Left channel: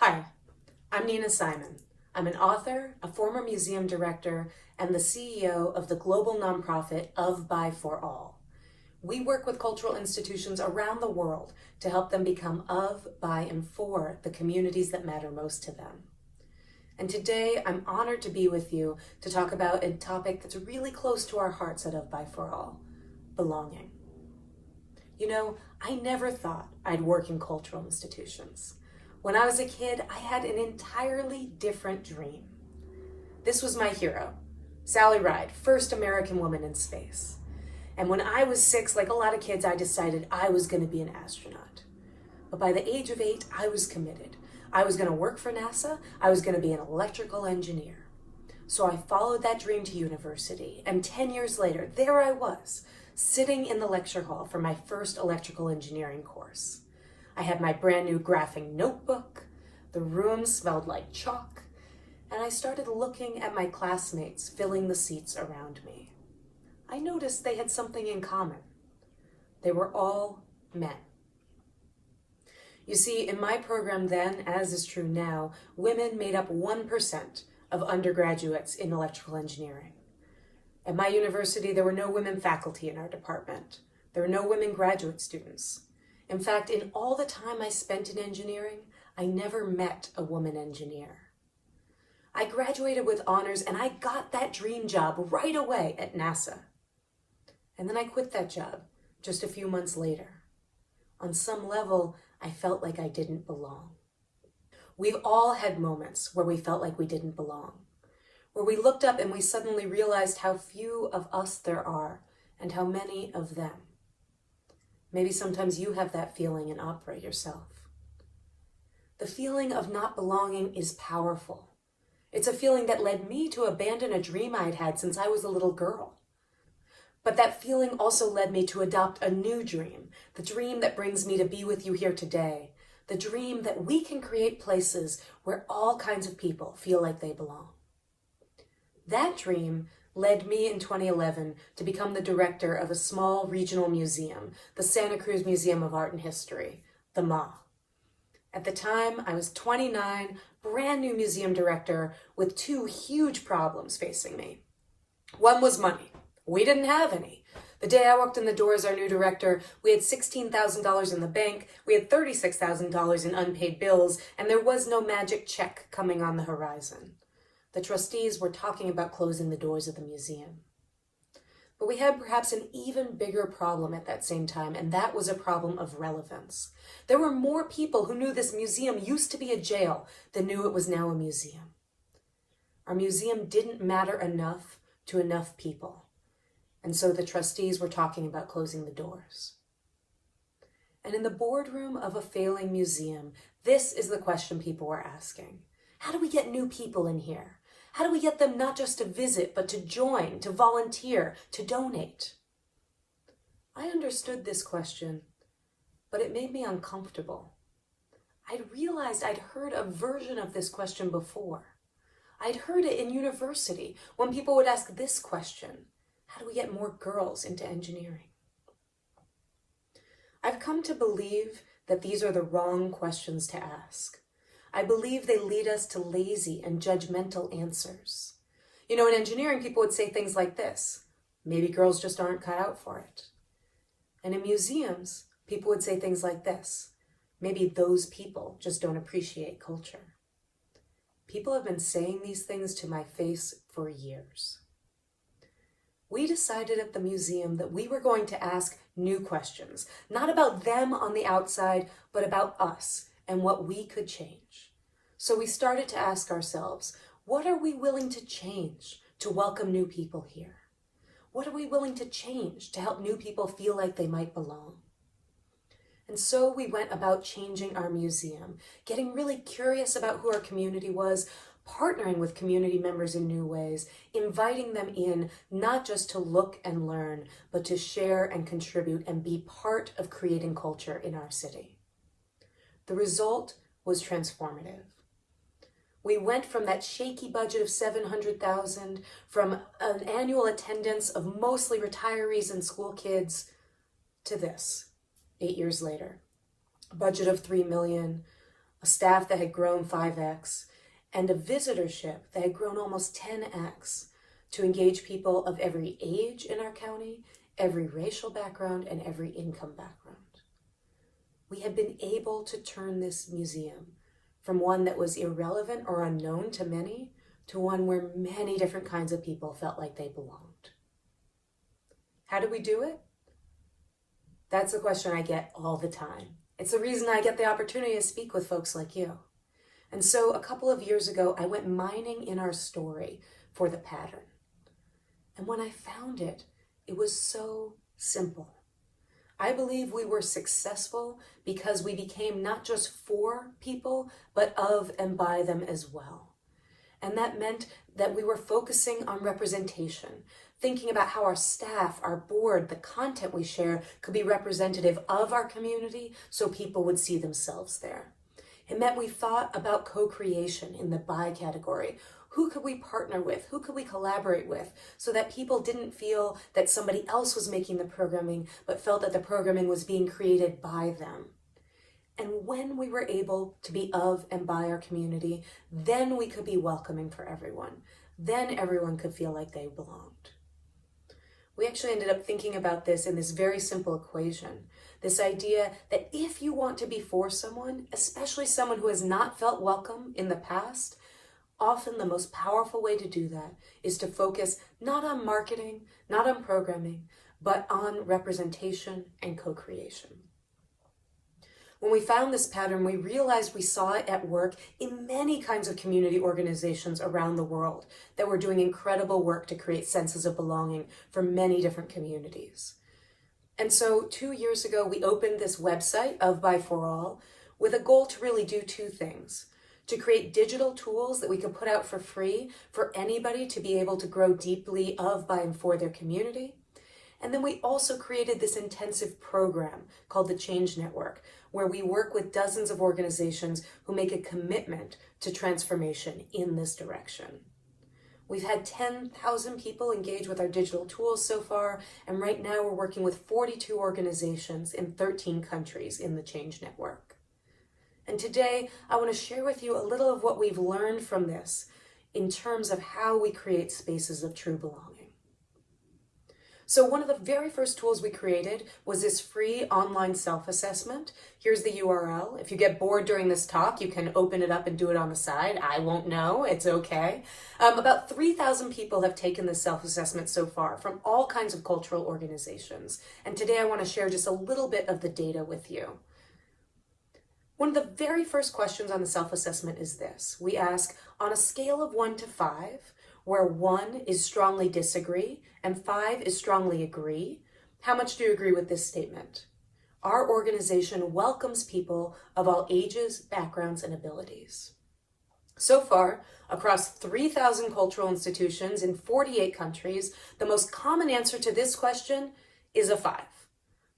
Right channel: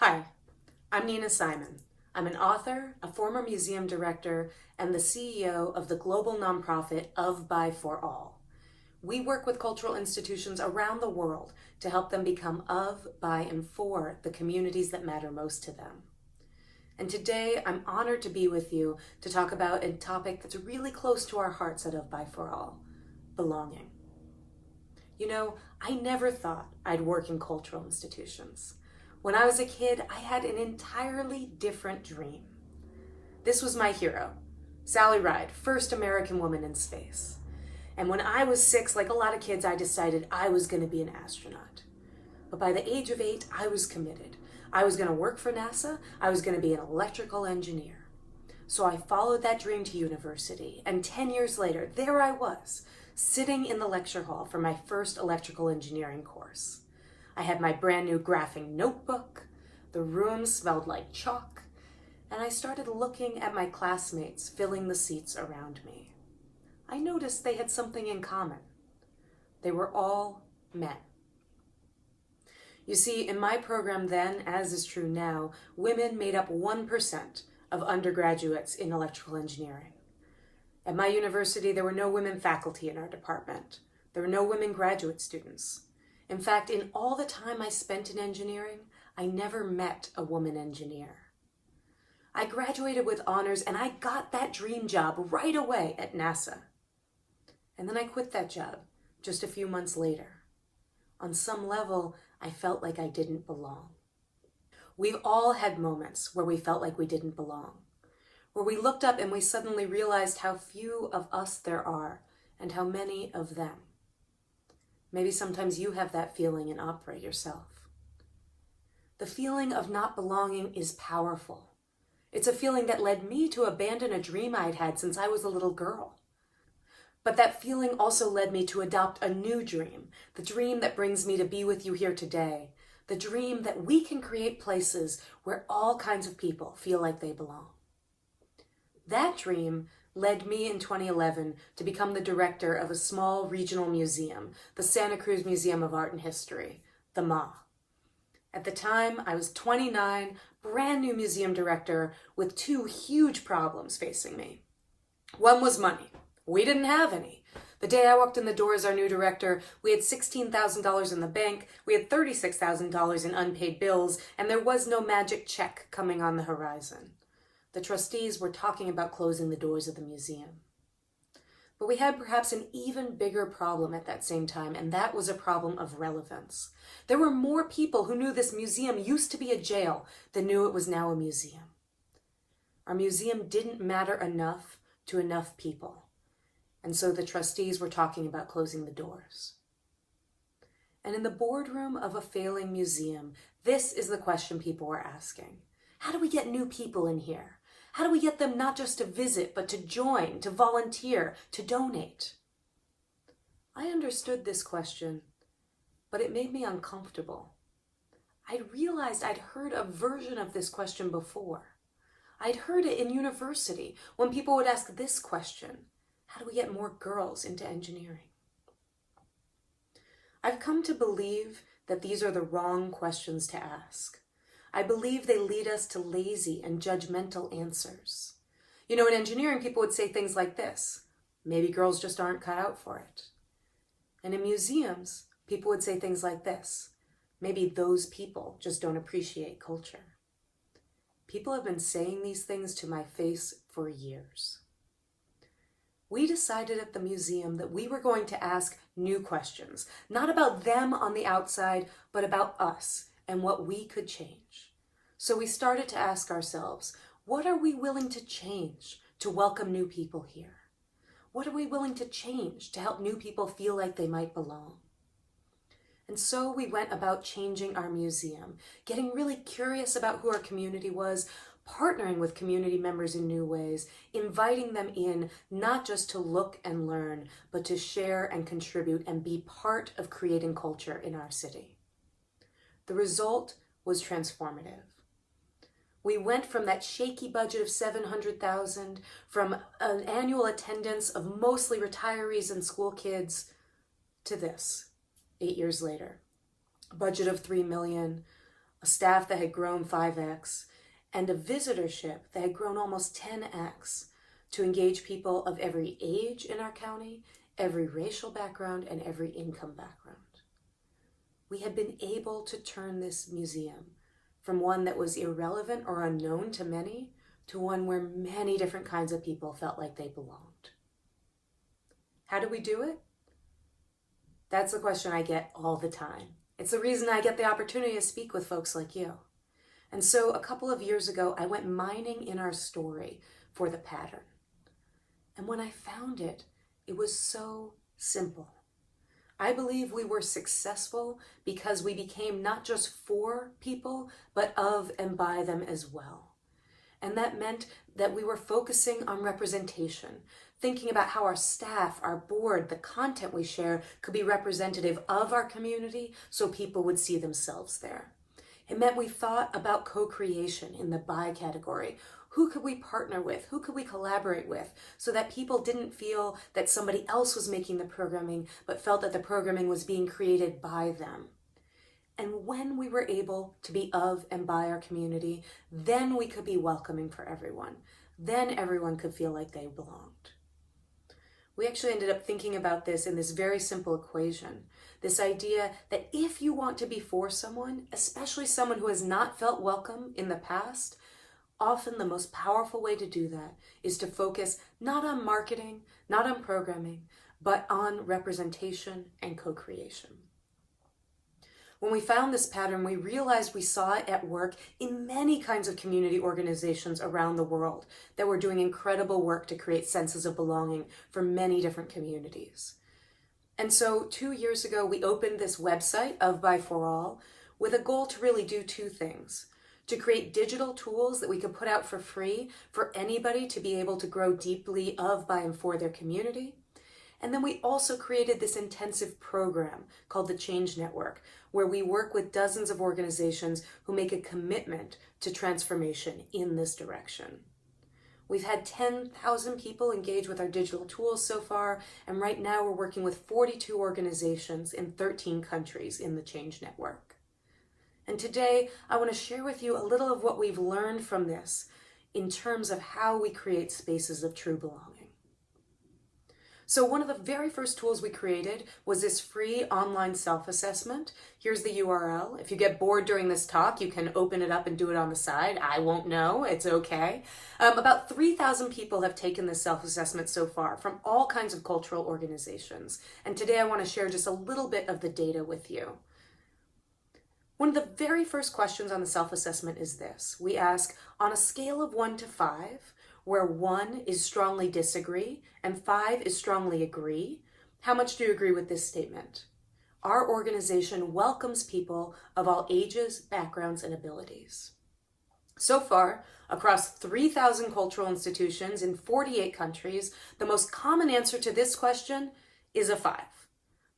Hi, I'm Nina Simon. I'm an author, a former museum director, and the CEO of the global nonprofit Of, By, For All. We work with cultural institutions around the world to help them become of, by, and for the communities that matter most to them. And today, I'm honored to be with you to talk about a topic that's really close to our hearts at Of, By, For All: belonging. You know, I never thought I'd work in cultural institutions. When I was a kid, I had an entirely different dream. This was my hero, Sally Ride, first American woman in space. And when I was 6, like a lot of kids, I decided I was going to be an astronaut. But by the age of 8, I was committed. I was going to work for NASA. I was going to be an electrical engineer. So I followed that dream to university, and 10 years later, there I was, sitting in the lecture hall for my first electrical engineering course. I had my brand new graphing notebook, the room smelled like chalk, and I started looking at my classmates filling the seats around me. I noticed they had something in common. They were all men. You see, in my program then, as is true now, women made up 1% of undergraduates in electrical engineering. At my university, there were no women faculty in our department. There were no women graduate students. In fact, in all the time I spent in engineering, I never met a woman engineer. I graduated with honors and I got that dream job right away at NASA. And then I quit that job just a few months later. On some level, I felt like I didn't belong. We've all had moments where we felt like we didn't belong, where we looked up and we suddenly realized how few of us there are and how many of them. Maybe sometimes you have that feeling in opera yourself. The feeling of not belonging is powerful. It's a feeling that led me to abandon a dream I'd had since I was a little girl. But that feeling also led me to adopt a new dream, the dream that brings me to be with you here today, the dream that we can create places where all kinds of people feel like they belong. That dream led me in 2011 to become the director of a small regional museum, the Santa Cruz Museum of Art and History, the MA. At the time, I was 29, brand new museum director with 2 huge problems facing me. One was money. We didn't have any. The day I walked in the door as our new director, we had $16,000 in the bank, we had $36,000 in unpaid bills, and there was no magic check coming on the horizon. The trustees were talking about closing the doors of the museum. But we had perhaps an even bigger problem at that same time, and that was a problem of relevance. There were more people who knew this museum used to be a jail than knew it was now a museum. Our museum didn't matter enough to enough people. And so the trustees were talking about closing the doors. And in the boardroom of a failing museum, this is the question people were asking. How do we get new people in here? How do we get them not just to visit, but to join, to volunteer, to donate? I understood this question, but it made me uncomfortable. I'd realized I'd heard a version of this question before. I'd heard it in university when people would ask this question: how do we get more girls into engineering? I've come to believe that these are the wrong questions to ask. I believe they lead us to lazy and judgmental answers. You know, in engineering, people would say things like this: maybe girls just aren't cut out for it. And in museums, people would say things like this: maybe those people just don't appreciate culture. People have been saying these things to my face for years. We decided at the museum that we were going to ask new questions, not about them on the outside, but about us and what we could change. So we started to ask ourselves, what are we willing to change to welcome new people here? What are we willing to change to help new people feel like they might belong? And so we went about changing our museum, getting really curious about who our community was, partnering with community members in new ways, inviting them in, not just to look and learn, but to share and contribute and be part of creating culture in our city. The result was transformative. We went from that shaky budget of $700,000, from an annual attendance of mostly retirees and school kids, to this, 8 years later. A budget of $3 million, a staff that had grown 5x, and a visitorship that had grown almost 10x to engage people of every age in our county, every racial background, and every income background. We had been able to turn this museum from one that was irrelevant or unknown to many to one where many different kinds of people felt like they belonged. How did we do it? That's the question I get all the time. It's the reason I get the opportunity to speak with folks like you. And so a couple of years ago, I went mining in our story for the pattern. And when I found it, it was so simple. I believe we were successful because we became not just for people, but of and by them as well. And that meant that we were focusing on representation, thinking about how our staff, our board, the content we share could be representative of our community so people would see themselves there. It meant we thought about co-creation in the by category. Who could we partner with? Who could we collaborate with so that people didn't feel that somebody else was making the programming, but felt that the programming was being created by them? And when we were able to be of and by our community, then we could be welcoming for everyone. Then everyone could feel like they belonged. We actually ended up thinking about this in this very simple equation. This idea that if you want to be for someone, especially someone who has not felt welcome in the past, often the most powerful way to do that is to focus not on marketing, not on programming, but on representation and co-creation. When we found this pattern, we realized we saw it at work in many kinds of community organizations around the world that were doing incredible work to create senses of belonging for many different communities. And so 2 years ago, we opened this website of By For All with a goal to really do two things: to create digital tools that we could put out for free for anybody to be able to grow deeply of, by, and for their community. And then we also created this intensive program called the Change Network, where we work with dozens of organizations who make a commitment to transformation in this direction. We've had 10,000 people engage with our digital tools so far, and right now we're working with 42 organizations in 13 countries in the Change Network. And today, I want to share with you a little of what we've learned from this in terms of how we create spaces of true belonging. So one of the very first tools we created was this free online self-assessment. Here's the URL. If you get bored during this talk, you can open it up and do it on the side. I won't know. It's okay. About 3,000 people have taken this self-assessment so far from all kinds of cultural organizations. And today I want to share just a little bit of the data with you. One of the very first questions on the self-assessment is this. We ask, on a scale of 1 to 5, where 1 is strongly disagree and 5 is strongly agree, how much do you agree with this statement? Our organization welcomes people of all ages, backgrounds, and abilities. So far, across 3,000 cultural institutions in 48 countries, the most common answer to this question is a 5.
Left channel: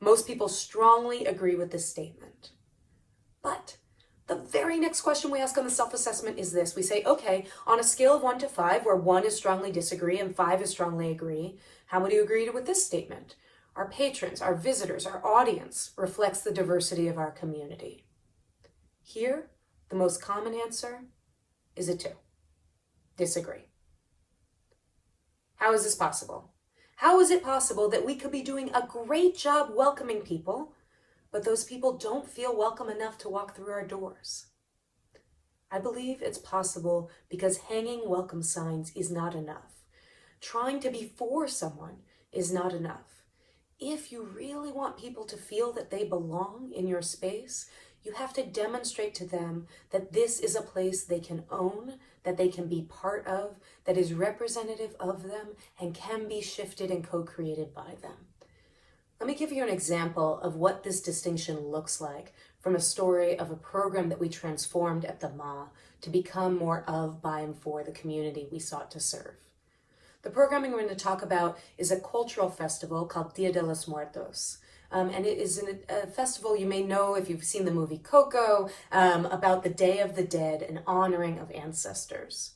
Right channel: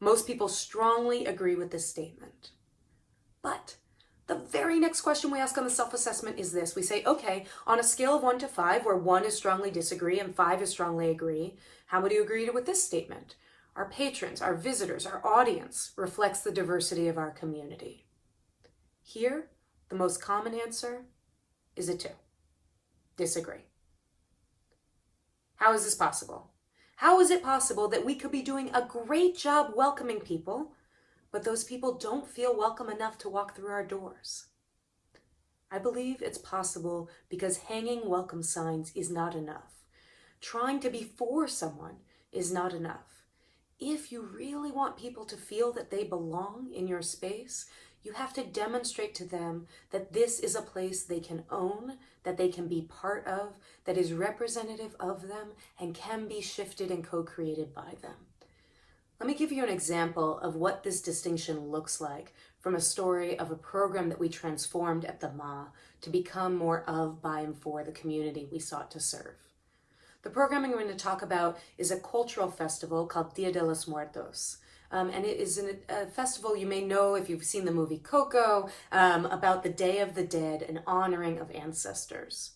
Most people strongly agree with this statement. But the very next question we ask on the self-assessment is this. We say, okay, on a scale of 1 to 5, where 1 is strongly disagree and 5 is strongly agree, how would you agree with this statement? Our patrons, our visitors, our audience reflects the diversity of our community. Here, the most common answer is a 2. Disagree. How is this possible? How is it possible that we could be doing a great job welcoming people, but those people don't feel welcome enough to walk through our doors? I believe it's possible because hanging welcome signs is not enough. Trying to be for someone is not enough. If you really want people to feel that they belong in your space, you have to demonstrate to them that this is a place they can own, that they can be part of, that is representative of them, and can be shifted and co-created by them. Let me give you an example of what this distinction looks like from a story of a program that we transformed at the MA to become more of, by, and for the community we sought to serve. The programming we're going to talk about is a cultural festival called Dia de los Muertos. And it is a festival you may know if you've seen the movie Coco, about the Day of the Dead and honoring of ancestors.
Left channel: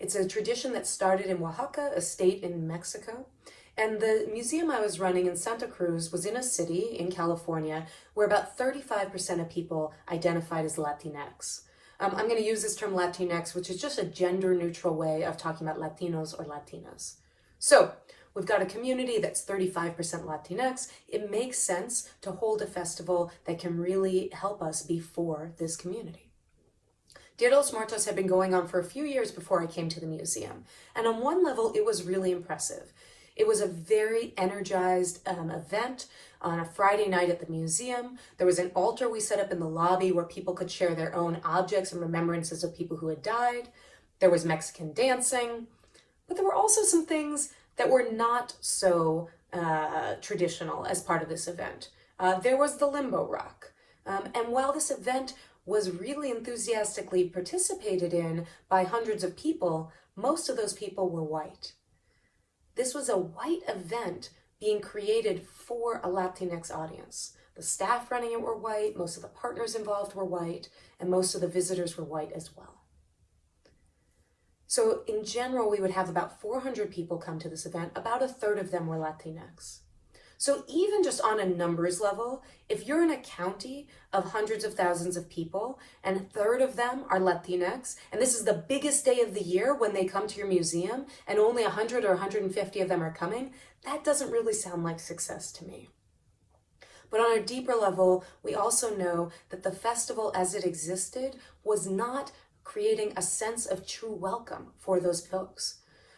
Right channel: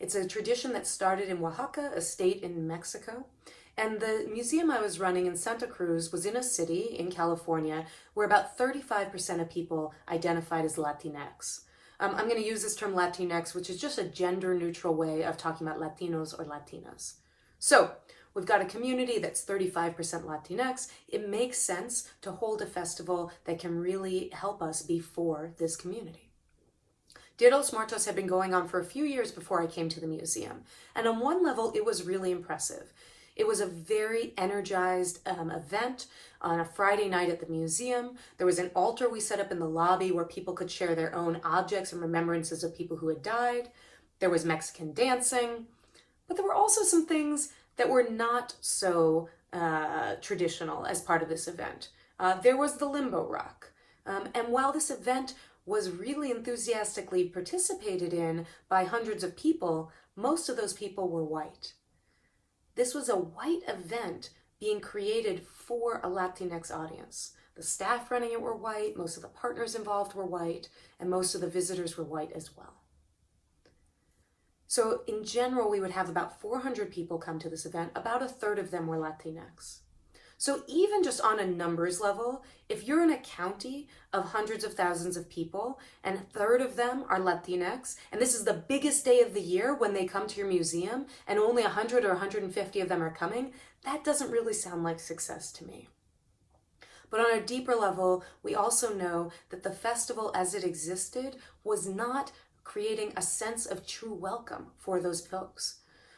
It's a tradition that started in Oaxaca, a state in Mexico. And the museum I was running in Santa Cruz was in a city in California where about 35% of people identified as Latinx. I'm going to use this term Latinx, which is just a gender-neutral way of talking about Latinos or Latinas. So we've got a community that's 35% Latinx. It makes sense to hold a festival that can really help us be for this community. Dia de los Muertos had been going on for a few years before I came to the museum. And on one level, it was really impressive. It was a very energized event on a Friday night at the museum. There was an altar we set up in the lobby where people could share their own objects and remembrances of people who had died. There was Mexican dancing. But there were also some things that were not so traditional as part of this event. There was the limbo rock. And while this event was really enthusiastically participated in by hundreds of people, most of those people were white. This was a white event being created for a Latinx audience. The staff running it were white, most of the partners involved were white, and most of the visitors were white as well. So in general, we would have about 400 people come to this event. About a third of them were Latinx. So even just on a numbers level, if you're in a county of hundreds of thousands of people and a third of them are Latinx, and this is the biggest day of the year when they come to your museum and only 100 or 150 of them are coming, that doesn't really sound like success to me. But on a deeper level, we also know that the festival as it existed was not creating a sense of true welcome for those folks.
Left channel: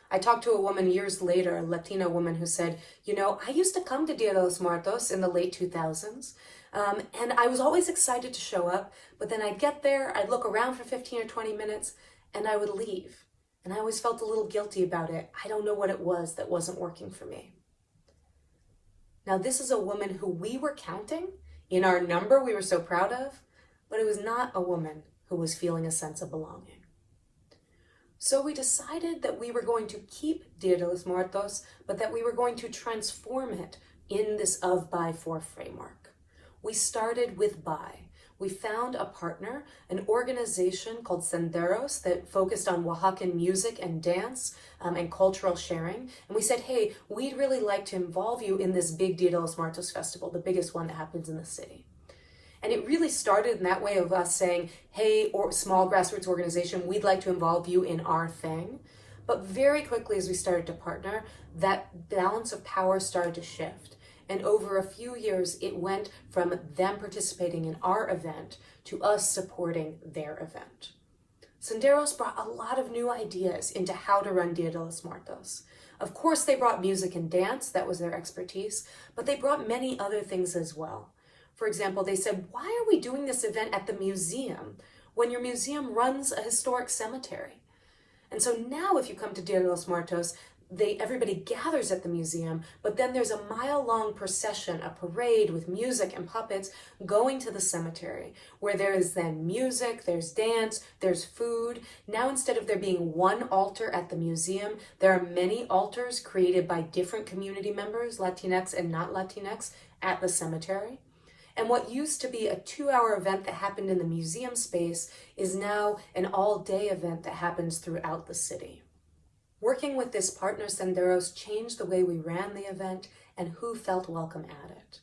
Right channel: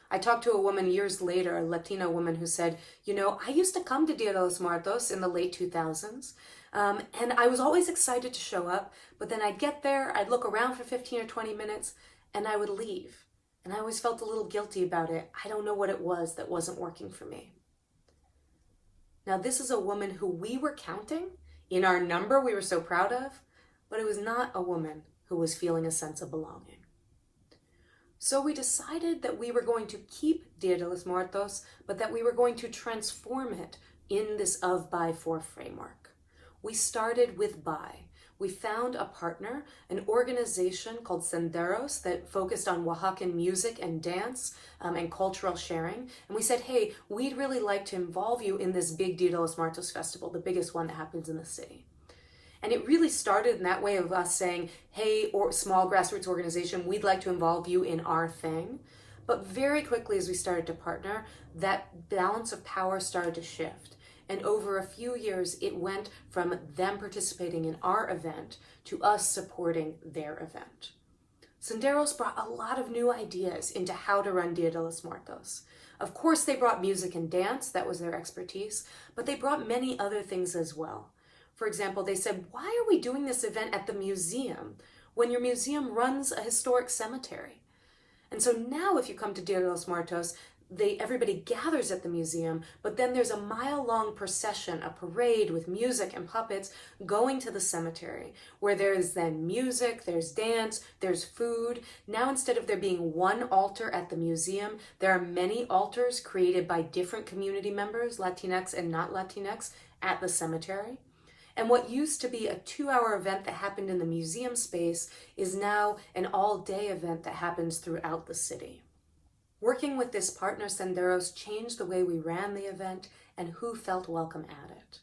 I talked to a woman years later, a Latina woman, who said, I used to come to Dia de los Muertos in the late 2000s, and I was always excited to show up, but then I'd get there, I'd look around for 15 or 20 minutes, and I would leave. And I always felt a little guilty about it. I don't know what it was that wasn't working for me. Now, this is a woman who we were counting in our number we were so proud of, but it was not a woman who was feeling a sense of belonging. So we decided that we were going to keep Dia de los Muertos, but that we were going to transform it in this of, by, for framework. We started with by. We found a partner, an organization called Senderos that focused on Oaxacan music and dance and cultural sharing. And we said, hey, we'd really like to involve you in this big Dia de los Muertos festival, the biggest one that happens in the city. And it really started in that way of us saying, hey, or small grassroots organization, we'd like to involve you in our thing. But very quickly as we started to partner, that balance of power started to shift. And over a few years, it went from them participating in our event to us supporting their event. Senderos brought a lot of new ideas into how to run Dia de los Muertos. Of course, they brought music and dance, that was their expertise, but they brought many other things as well. For example, they said, why are we doing this event at the museum when your museum runs a historic cemetery? And so now if you come to Dia de los Muertos, everybody gathers at the museum, but then there's a mile-long procession, a parade with music and puppets going to the cemetery, where there is then music, there's dance, there's food. Now instead of there being one altar at the museum, there are many altars created by different community members, Latinx and not Latinx, at the cemetery. And what used to be a 2-hour event that happened in the museum space is now an all-day event that happens throughout the city. Working with this partner, Senderos, changed the way we ran the event and who felt welcome at it.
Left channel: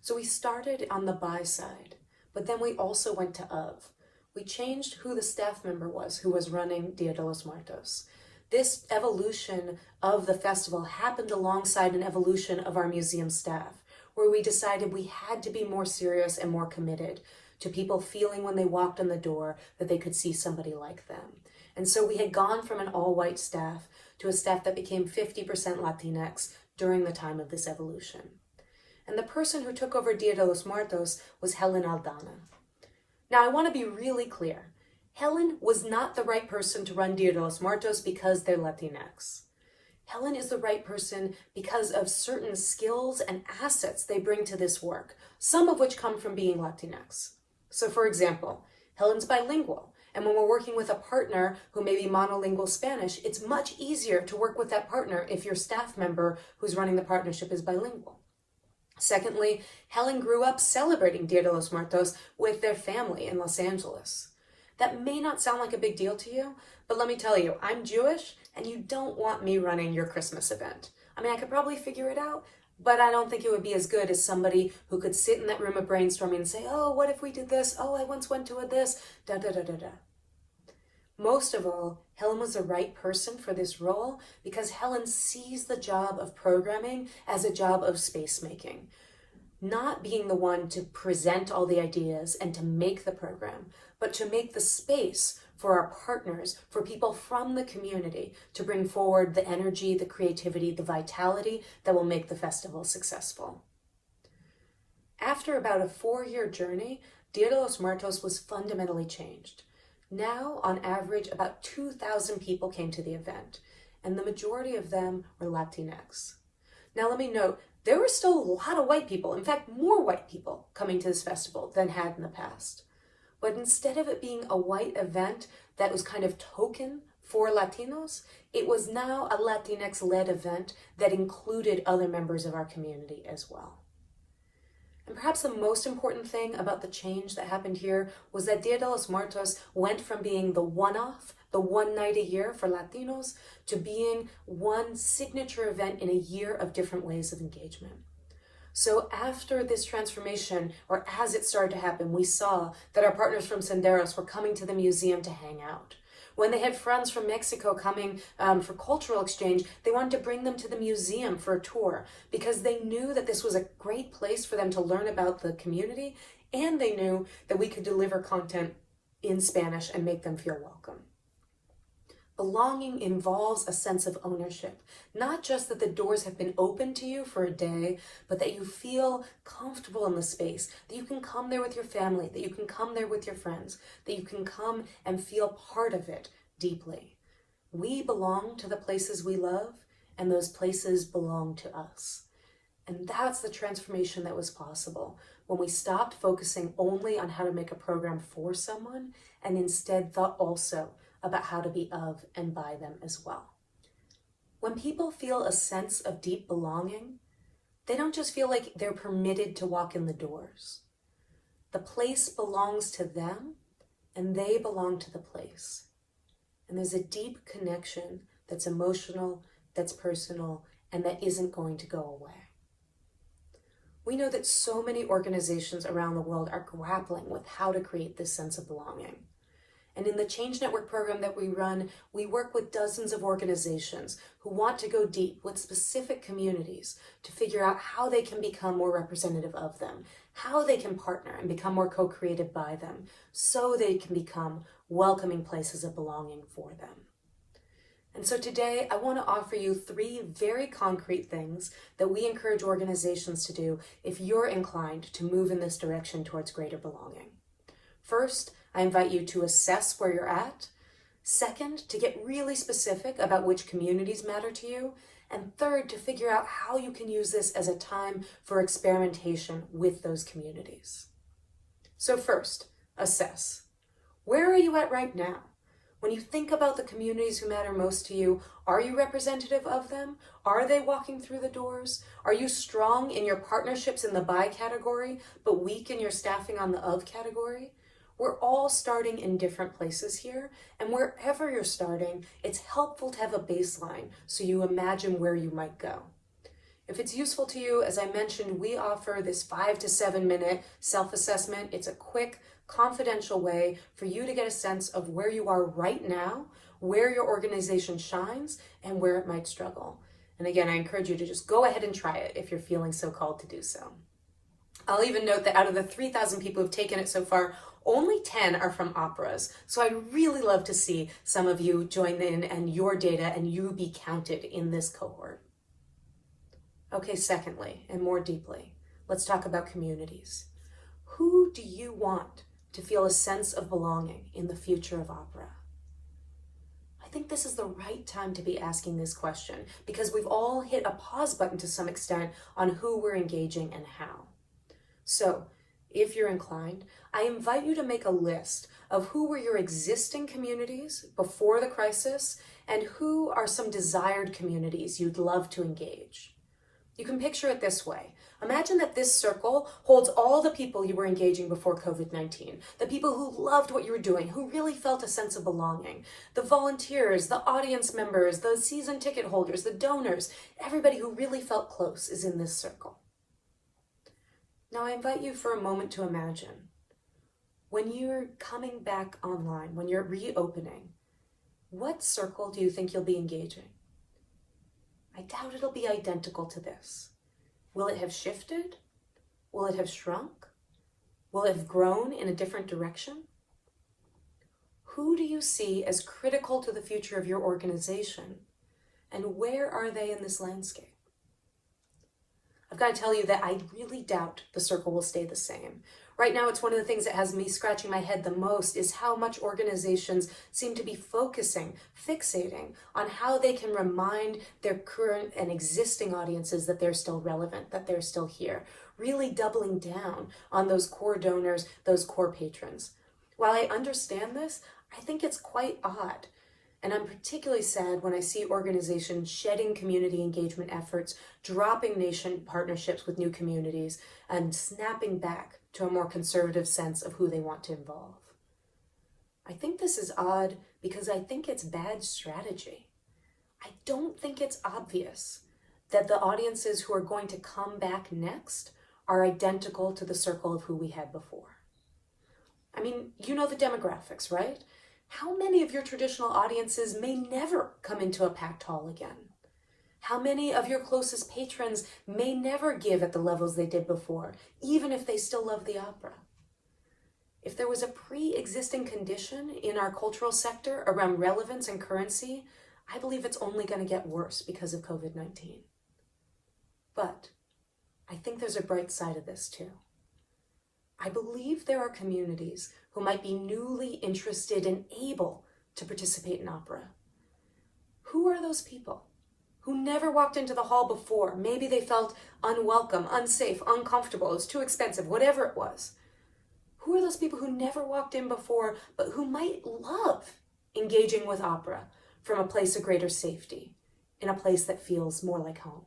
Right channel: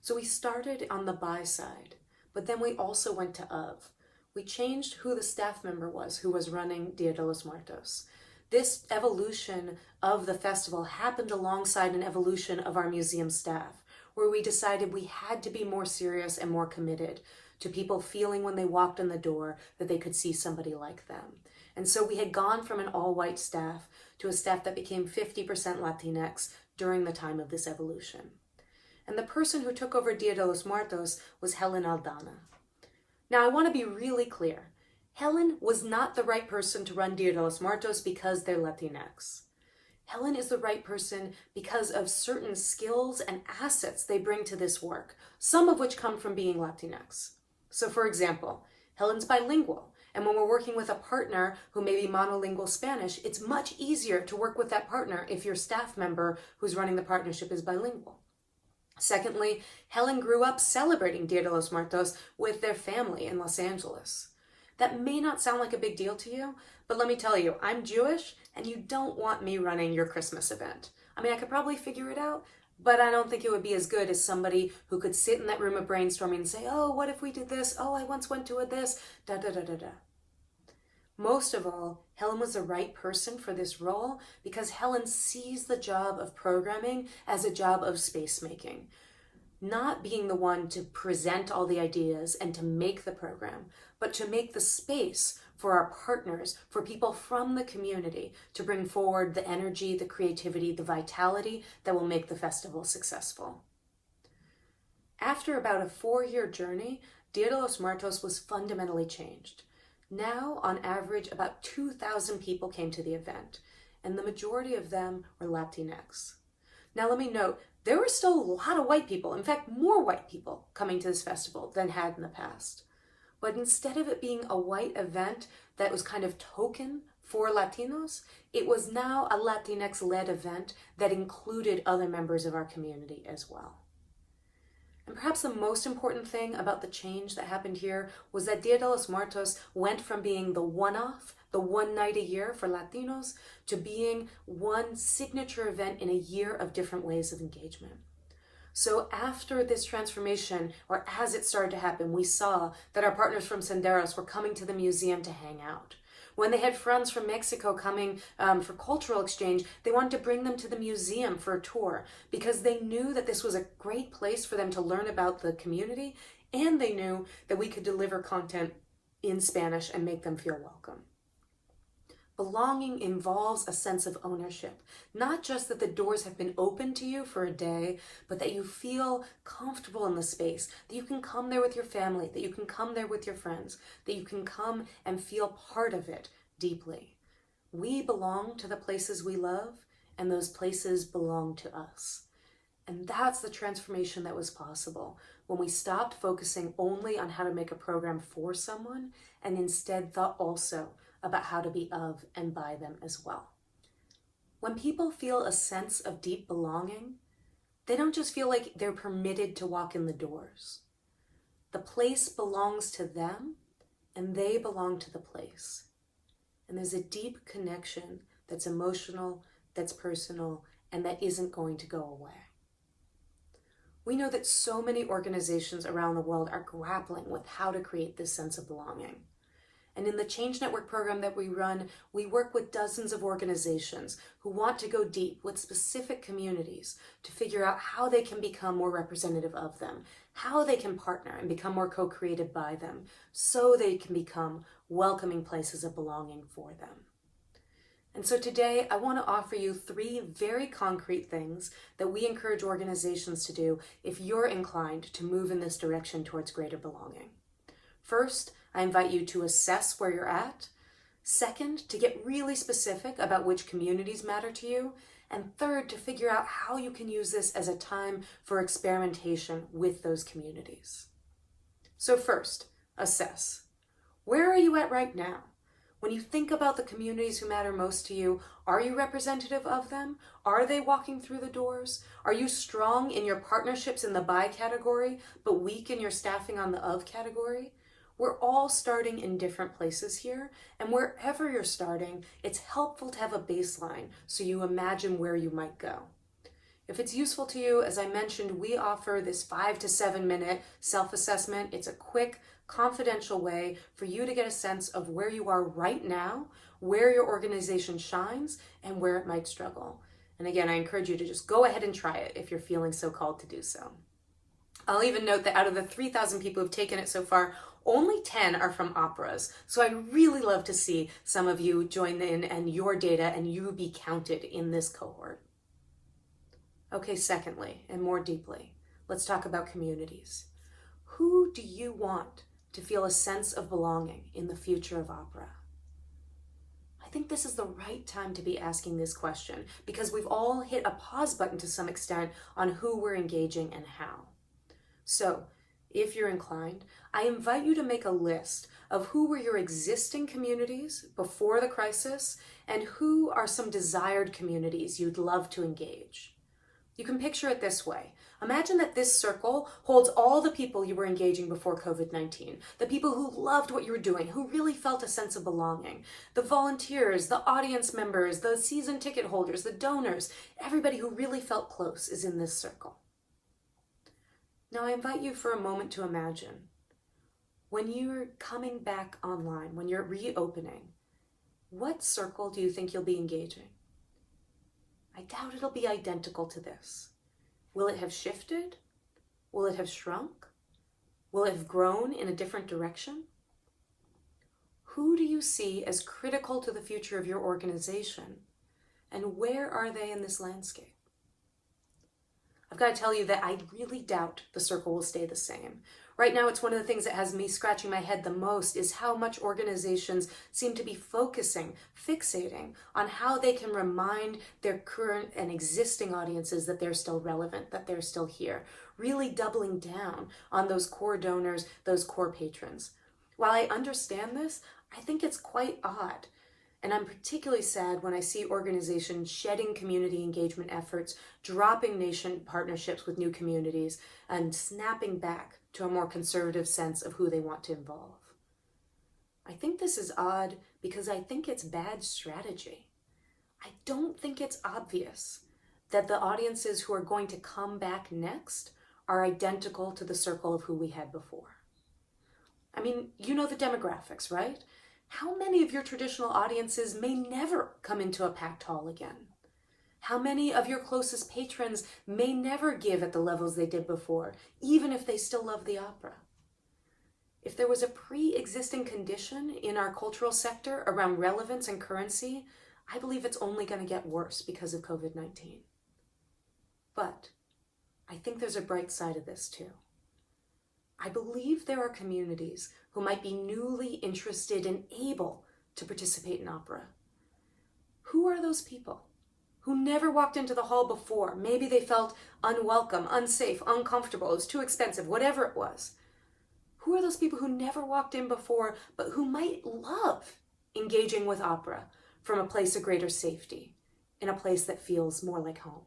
So we started on the by side, but then we also went to of. We changed who the staff member was who was running Dia de los Muertos. This evolution of the festival happened alongside an evolution of our museum staff, where we decided we had to be more serious and more committed to people feeling when they walked in the door that they could see somebody like them. And so we had gone from an all-white staff to a staff that became 50% Latinx during the time of this evolution. And the person who took over Dia de los Muertos was Helen Aldana. Now, I want to be really clear. Helen was not the right person to run Dia de los Muertos because they're Latinx. Helen is the right person because of certain skills and assets they bring to this work, some of which come from being Latinx. So for example, Helen's bilingual, and when we're working with a partner who may be monolingual Spanish, it's much easier to work with that partner if your staff member who's running the partnership is bilingual. Secondly, Helen grew up celebrating Dia de los Muertos with their family in Los Angeles. That may not sound like a big deal to you, but let me tell you, I'm Jewish, and you don't want me running your Christmas event. I mean, I could probably figure it out, but I don't think it would be as good as somebody who could sit in that room of brainstorming and say, oh, what if we did this? Oh, I once went to a this, da da da da da. Most of all, Helen was the right person for this role because Helen sees the job of programming as a job of space making. Not being the one to present all the ideas and to make the program, but to make the space for our partners, for people from the community to bring forward the energy, the creativity, the vitality that will make the festival successful. After about a 4-year journey, Dia de los Muertos was fundamentally changed. Now, on average, about 2,000 people came to the event, and the majority of them were Latinx. Now, let me note, there were still a lot of white people, in fact, more white people coming to this festival than had in the past. But instead of it being a white event that was kind of token for Latinos, it was now a Latinx-led event that included other members of our community as well. And perhaps the most important thing about the change that happened here was that Dia de los Muertos went from being the one-off, the one night a year for Latinos, to being one signature event in a year of different ways of engagement. So after this transformation, or as it started to happen, we saw that our partners from Senderos were coming to the museum to hang out. When they had friends from Mexico coming for cultural exchange, they wanted to bring them to the museum for a tour because they knew that this was a great place for them to learn about the community, and they knew that we could deliver content in Spanish and make them feel welcome. Belonging involves a sense of ownership, not just that the doors have been open to you for a day, but that you feel comfortable in the space, that you can come there with your family, that you can come there with your friends, that you can come and feel part of it deeply. We belong to the places we love, and those places belong to us. And that's the transformation that was possible when we stopped focusing only on how to make a program for someone and instead thought also about how to be of and by them as well. When people feel a sense of deep belonging, they don't just feel like they're permitted to walk in the doors. The place belongs to them, and they belong to the place. And there's a deep connection that's emotional, that's personal, and that isn't going to go away. We know that so many organizations around the world are grappling with how to create this sense of belonging. And in the Change Network program that we run, we work with dozens of organizations who want to go deep with specific communities to figure out how they can become more representative of them, how they can partner and become more co-created by them, so they can become welcoming places of belonging for them. And so today, I want to offer you 3 very concrete things that we encourage organizations to do if you're inclined to move in this direction towards greater belonging. First, I invite you to assess where you're at. Second, to get really specific about which communities matter to you. And third, to figure out how you can use this as a time for experimentation with those communities. So first, assess. Where are you at right now? When you think about the communities who matter most to you, are you representative of them? Are they walking through the doors? Are you strong in your partnerships in the by category, but weak in your staffing on the of category? We're all starting in different places here, and wherever you're starting, it's helpful to have a baseline so you imagine where you might go. If it's useful to you, as I mentioned, we offer this 5 to 7 minute self-assessment. It's a quick, confidential way for you to get a sense of where you are right now, where your organization shines, and where it might struggle. And again, I encourage you to just go ahead and try it if you're feeling so called to do so. I'll even note that out of the 3,000 people who've taken it so far, only 10 are from operas. So I'd really love to see some of you join in and your data and you be counted in this cohort. Okay, secondly, and more deeply, let's talk about communities. Who do you want to feel a sense of belonging in the future of opera? I think this is the right time to be asking this question because we've all hit a pause button to some extent on who we're engaging and how. So, if you're inclined, I invite you to make a list of who were your existing communities before the crisis and who are some desired communities you'd love to engage. You can picture it this way. Imagine that this circle holds all the people you were engaging before COVID-19, the people who loved what you were doing, who really felt a sense of belonging, the volunteers, the audience members, the season ticket holders, the donors, everybody who really felt close is in this circle. Now I invite you for a moment to imagine, when you're coming back online, when you're reopening, what circle do you think you'll be engaging? I doubt it'll be identical to this. Will it have shifted? Will it have shrunk? Will it have grown in a different direction? Who do you see as critical to the future of your organization? And where are they in this landscape? I've got to tell you that I really doubt the circle will stay the same. Right now, it's one of the things that has me scratching my head the most is how much organizations seem to be fixating on how they can remind their current and existing audiences that they're still relevant, that they're still here, really doubling down on those core donors, those core patrons. While I understand this, I think it's quite odd. And I'm particularly sad when I see organizations shedding community engagement efforts, dropping nation partnerships with new communities, and snapping back to a more conservative sense of who they want to involve. I think this is odd because I think it's bad strategy. I don't think it's obvious that the audiences who are going to come back next are identical to the circle of who we had before. I mean, you know the demographics, right? How many of your traditional audiences may never come into a packed hall again? How many of your closest patrons may never give at the levels they did before, even if they still love the opera? If there was a pre-existing condition in our cultural sector around relevance and currency, I believe it's only going to get worse because of COVID-19. But I think there's a bright side of this too. I believe there are communities who might be newly interested and able to participate in opera. Who are those people who never walked into the hall before? Maybe they felt unwelcome, unsafe, uncomfortable, it was too expensive, whatever it was. Who are those people who never walked in before, but who might love engaging with opera from a place of greater safety, in a place that feels more like home?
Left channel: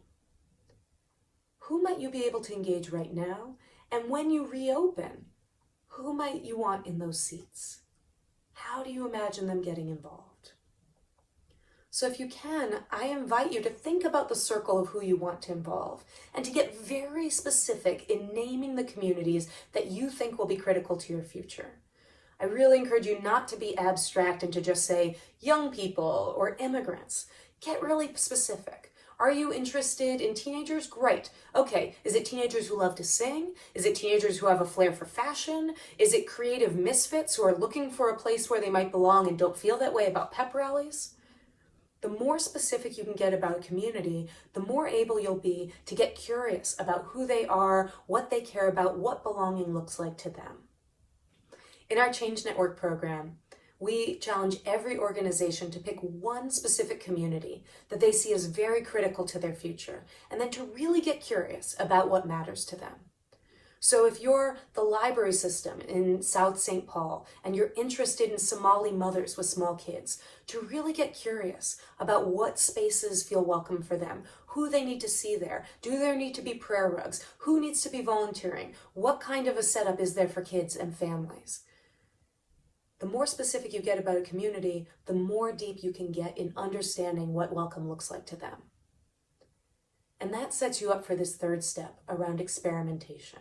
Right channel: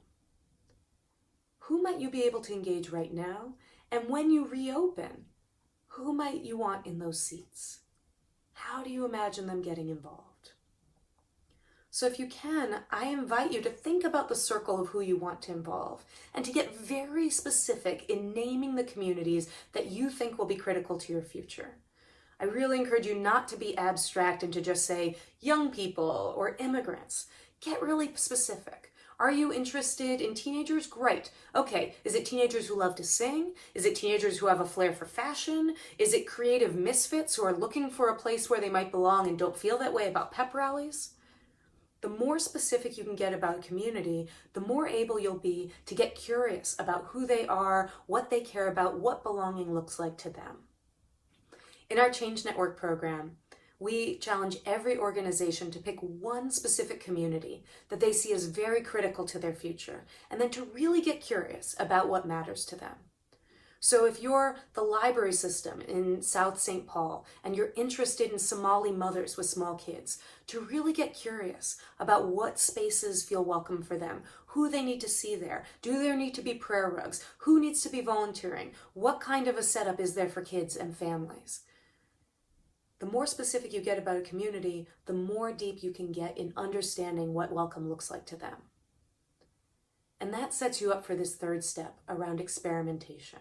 Who might you be able to engage right now? And when you reopen, who might you want in those seats? How do you imagine them getting involved? So if you can, I invite you to think about the circle of who you want to involve and to get very specific in naming the communities that you think will be critical to your future. I really encourage you not to be abstract and to just say young people or immigrants. Get really specific. Are you interested in teenagers? Great. Okay, is it teenagers who love to sing? Is it teenagers who have a flair for fashion? Is it creative misfits who are looking for a place where they might belong and don't feel that way about pep rallies? The more specific you can get about a community, the more able you'll be to get curious about who they are, what they care about, what belonging looks like to them. In our Change Network program, we challenge every organization to pick one specific community that they see as very critical to their future, and then to really get curious about what matters to them. So if you're the library system in South St. Paul and you're interested in Somali mothers with small kids, to really get curious about what spaces feel welcome for them, who they need to see there, do there need to be prayer rugs, who needs to be volunteering, what kind of a setup is there for kids and families. The more specific you get about a community, the more deep you can get in understanding what welcome looks like to them. And that sets you up for this third step around experimentation.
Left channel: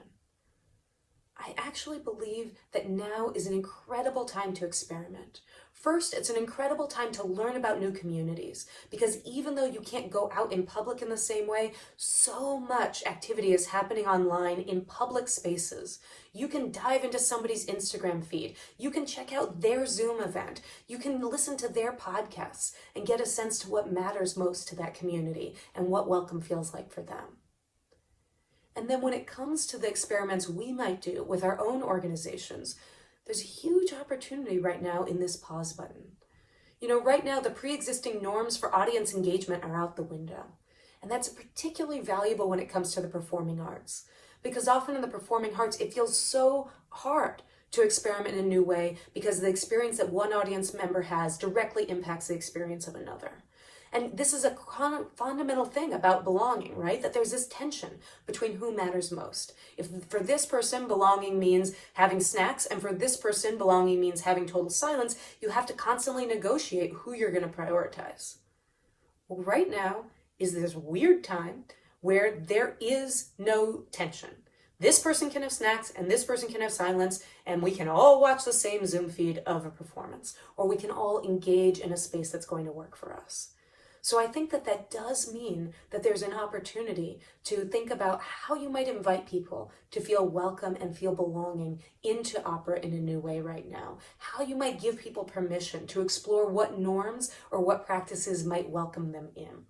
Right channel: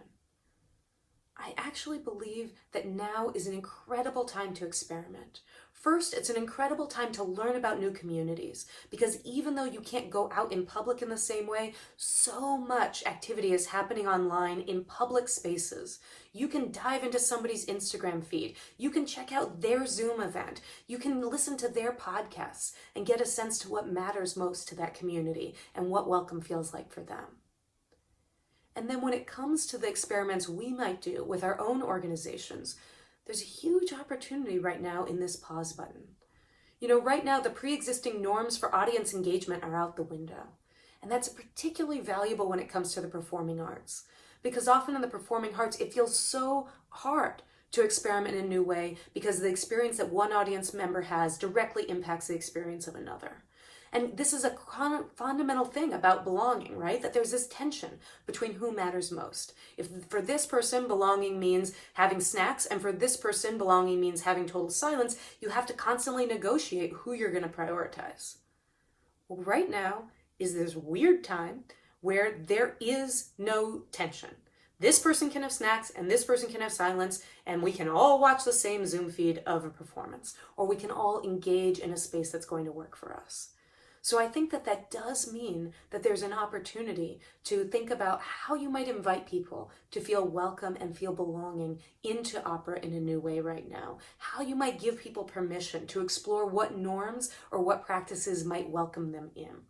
I actually believe that now is an incredible time to experiment. First, it's an incredible time to learn about new communities, because even though you can't go out in public in the same way, so much activity is happening online in public spaces. You can dive into somebody's Instagram feed. You can check out their Zoom event. You can listen to their podcasts and get a sense to what matters most to that community and what welcome feels like for them. And then when it comes to the experiments we might do with our own organizations, there's a huge opportunity right now in this pause button. You know, right now the pre-existing norms for audience engagement are out the window. And that's particularly valuable when it comes to the performing arts. Because often in the performing arts, it feels so hard to experiment in a new way because the experience that one audience member has directly impacts the experience of another. And this is a fundamental thing about belonging, right? That there's this tension between who matters most. If for this person, belonging means having snacks, and for this person, belonging means having total silence, you have to constantly negotiate who you're going to prioritize. Well, right now is this weird time where there is no tension. This person can have snacks and this person can have silence, and we can all watch the same Zoom feed of a performance, or we can all engage in a space that's going to work for us. So I think that that does mean that there's an opportunity to think about how you might invite people to feel welcome and feel belonging into opera in a new way right now. How you might give people permission to explore what norms or what practices might welcome them in.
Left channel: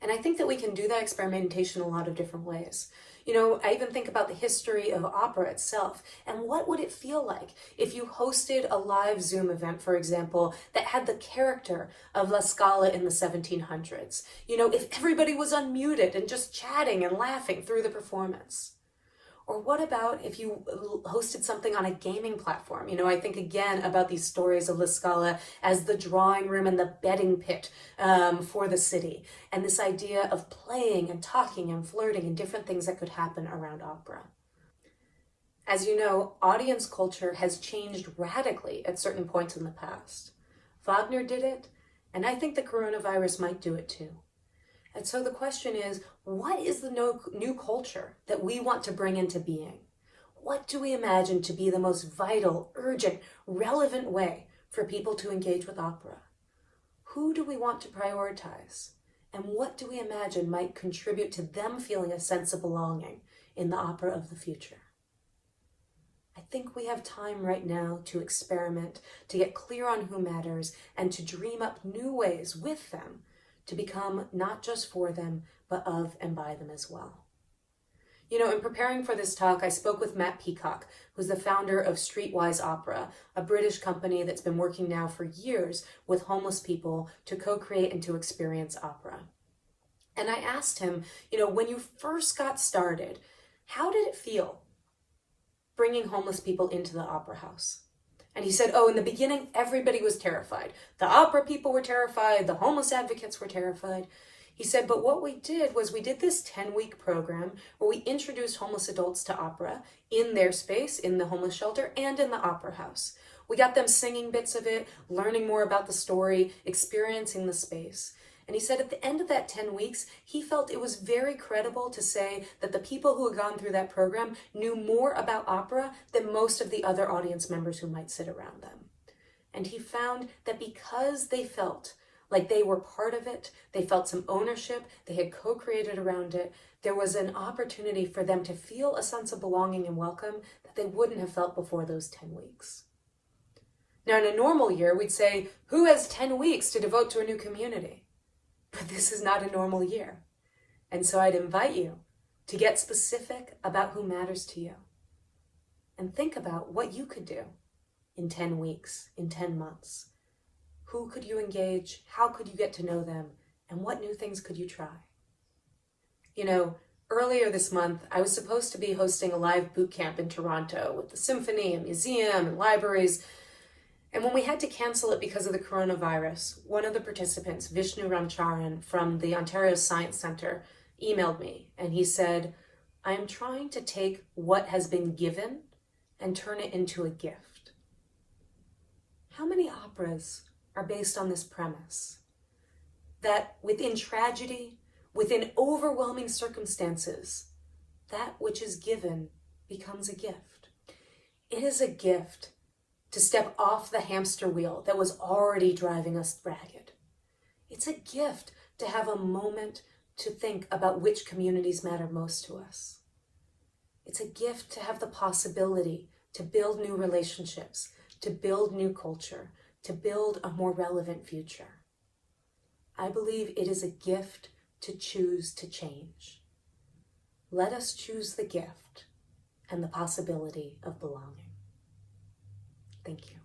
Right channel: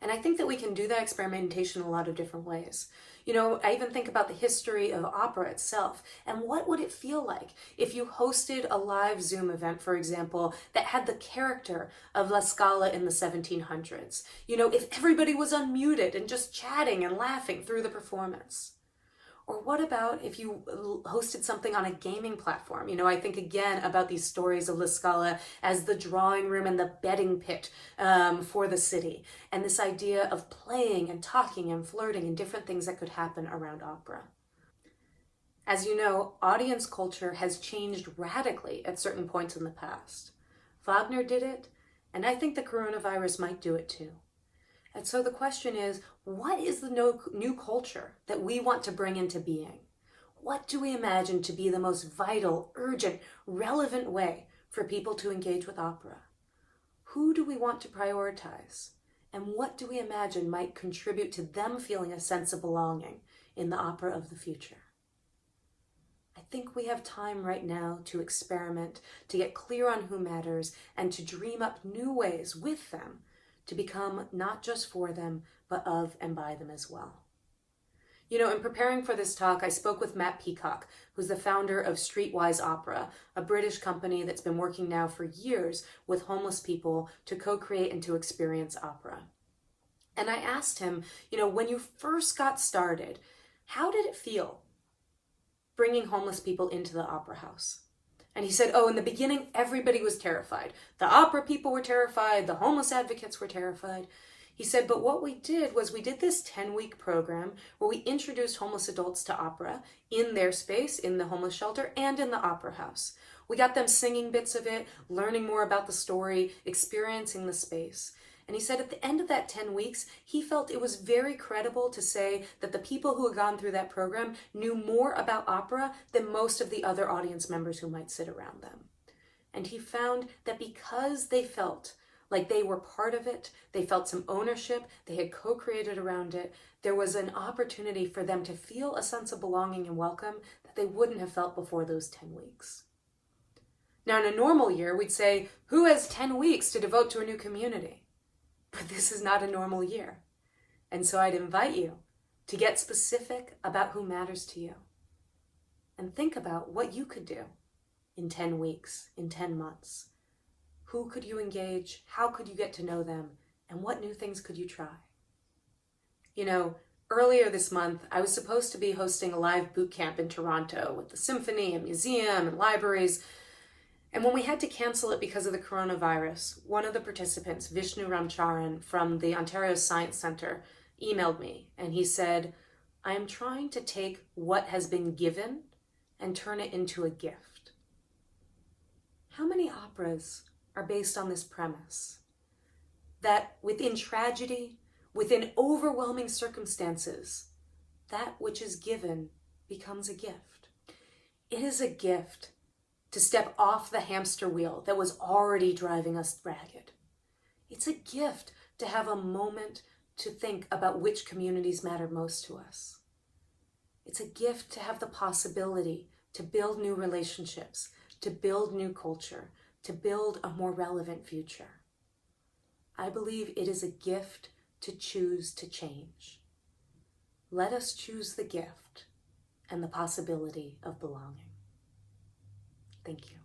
And I think that we can do that experimentation a lot of different ways. You know, I even think about the history of opera itself, and what would it feel like if you hosted a live Zoom event, for example, that had the character of La Scala in the 1700s? You know, if everybody was unmuted and just chatting and laughing through the performance. Or what about if you hosted something on a gaming platform? You know, I think again about these stories of La Scala as the drawing room and the betting pit for the city. And this idea of playing and talking and flirting and different things that could happen around opera. As you know, audience culture has changed radically at certain points in the past. Wagner did it, and I think the coronavirus might do it too. And so the question is, what is the new culture that we want to bring into being? What do we imagine to be the most vital, urgent, relevant way for people to engage with opera? Who do we want to prioritize? And what do we imagine might contribute to them feeling a sense of belonging in the opera of the future? I think we have time right now to experiment, to get clear on who matters, and to dream up new ways with them to become not just for them, but of and by them as well. You know, in preparing for this talk, I spoke with Matt Peacock, who's the founder of Streetwise Opera, a British company that's been working now for years with homeless people to co-create and to experience opera. And I asked him, you know, when you first got started, how did it feel bringing homeless people into the opera house? And he said, oh, in the beginning, everybody was terrified. The opera people were terrified. The homeless advocates were terrified. He said, but what we did was we did this 10-week program where we introduced homeless adults to opera in their space, in the homeless shelter, and in the opera house. We got them singing bits of it, learning more about the story, experiencing the space. And he said at the end of that 10 weeks, he felt it was very credible to say that the people who had gone through that program knew more about opera than most of the other audience members who might sit around them. And he found that because they felt like they were part of it, they felt some ownership, they had co-created around it, there was an opportunity for them to feel a sense of belonging and welcome that they wouldn't have felt before those 10 weeks. Now, in a normal year, we'd say, who has 10 weeks to devote to a new community? But this is not a normal year. And so I'd invite you to get specific about who matters to you. And think about what you could do in 10 weeks, in 10 months. Who could you engage? How could you get to know them? And what new things could you try? You know, earlier this month, I was supposed to be hosting a live boot camp in Toronto with the symphony and museum and libraries. And when we had to cancel it because of the coronavirus, one of the participants, Vishnu Ramcharan from the Ontario Science Centre, emailed me and he said, I am trying to take what has been given and turn it into a gift. How many operas are based on this premise? That within tragedy, within overwhelming circumstances, that which is given becomes a gift. It is a gift to step off the hamster wheel that was already driving us ragged. It's a gift to have a moment to think about which communities matter most to us. It's a gift to have the possibility to build new relationships, to build new culture, to build a more relevant future. I believe it is a gift to choose to change. Let us choose the gift and the possibility of belonging. Thank you.